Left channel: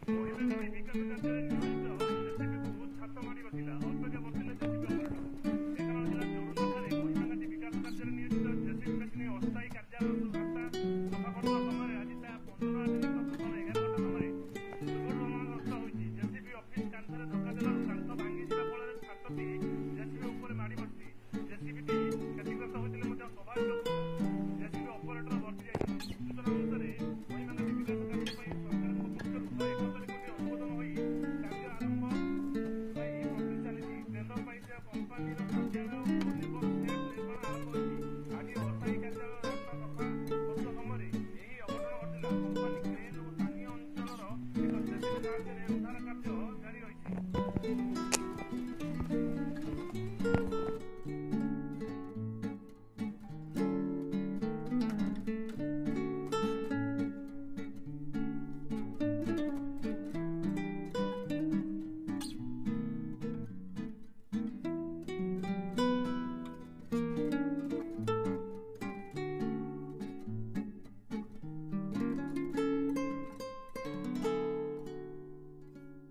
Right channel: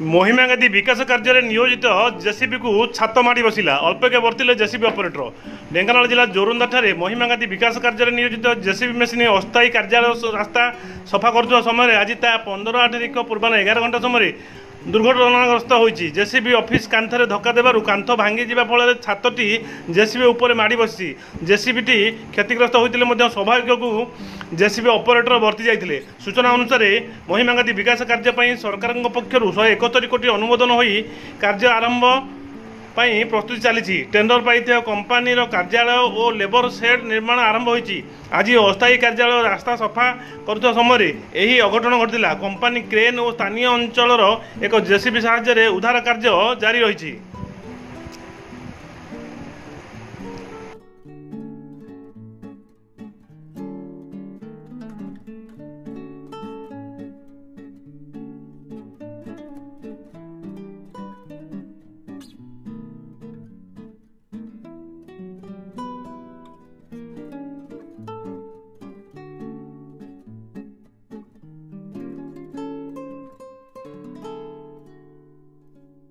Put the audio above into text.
महिमा गांधी विकास कार्य नियोजित जेसीबी को छात माड़ी बसिला अल्पके बर्तिले जेसीबी ऑपरेटर ढेंकानाल जिला जोरुंदा ठारे महिमा गांधी विकास कार्य नियोजित जेसीबी मेसीन अस्थायी कार्यालय रास्ता सफा कर समय आज 15 तारिख पूर्वाह 11 घंटा समय दुर्घटनाग्रस्त होती। जेसीबी ऑफिस कांथरे धक्का देबारु कांथ भांगी जिबा फल छातटी जेसीबी उपर माड़ी बसी जेसीबीटी क्षतिग्रस्त होते स्वाभाविक को जेसीबी ऑपरेटर वर्ती जाते। सूचना अनुसार महिमा गांधी विकास कार्य सरकार पक्षर 171 कोटी अनुमोदन हो कार्य आरंभ प्रस्तुति चली टेंडर पाई कंपानी कार्यालय और लेबर सेड निर्माण आरंभ होती। आज अस्थायी कार्यालय रास्ता सफा कर समय यही अघटन घटिला। कंपानी क्रेन और स्थानीय अंचल एक जेसीबी साहाय्य उद्धार कार्य जारी रही।